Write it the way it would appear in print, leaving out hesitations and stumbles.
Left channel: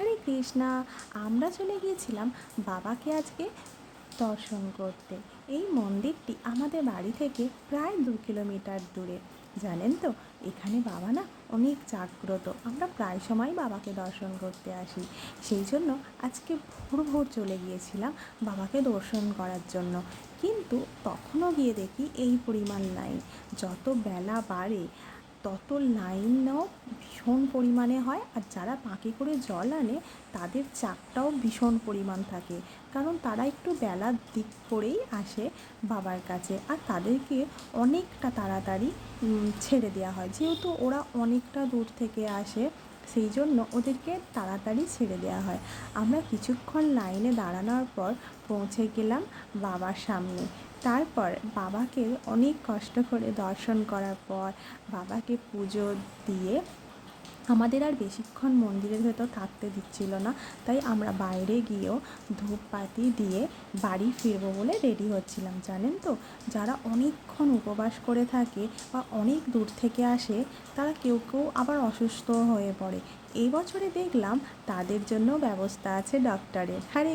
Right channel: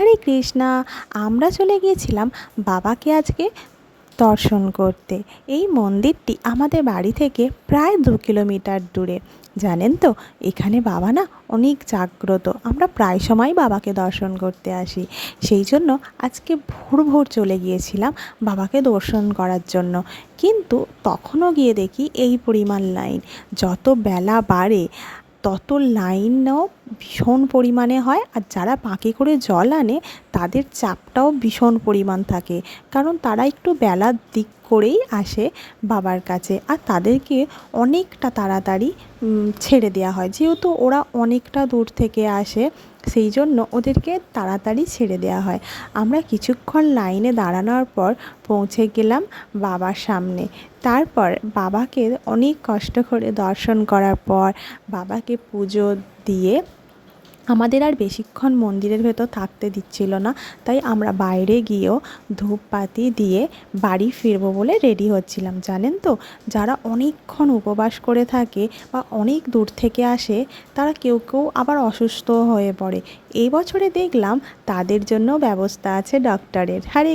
হরে কৃষ্ণা। আমরা চলে গিয়েছিলাম বাবাকে আজকে দর্শন করতে। এই মন্দিরটি আমাদের বাড়ি থেকে প্রায় 2 কিলোমিটার দূরে। জানেন তো, এখানে বাবা না অনেক জাগ্রত। আমরা প্রায় সময় বাবাকে দর্শন করতে আসি। সেই জন্য আজকে ভোর ভোর চলে গিয়েছিলাম বাবাকে দর্শন করার জন্য। কিন্তু তখনও গিয়ে দেখি এই পরিমাণ লাইন। যত বেলা বাড়ে তত লাইনও ভীষণ পরিমাণে হয়, আর যারা বাঁকে করে জল আনে তাদের চাপটাও ভীষণ পরিমাণ থাকে, কারণ তারা একটু বেলার দিক করেই আসে বাবার কাছে, আর তাদেরকে অনেকটা তাড়াতাড়ি ছেড়ে দেওয়া হয়। যেহেতু ওরা অনেকটা দূর থেকে আসে, সেই জন্য ওদেরকে তাড়াতাড়ি ছেড়ে দেওয়া হয়। আমরা কিছুক্ষণ লাইনে দাঁড়ানোর পর পৌঁছে গেলাম বাবার সামনে। তারপর বাবাকে অনেক কষ্ট করে দর্শন করার পর বাবাকে পুজো দিয়ে আমাদের আর বেশিক্ষণ মন্দিরের ভেতর থাকতে দিচ্ছিল না, তাই আমরা বাইরে গিয়েও ধূপপাতি দিয়ে বাড়ি ফিরবো বলে রেডি হচ্ছিলাম। জানেন তো, যারা অনেকক্ষণ উপবাস করে থাকে বা অনেক দূর থেকে আসে, তারা কেউ কেউ আবার অসুস্থ হয়ে পড়ে। এই বছরে দেখলাম তাদের জন্য ব্যবস্থা আছে ডক্টরের। হরে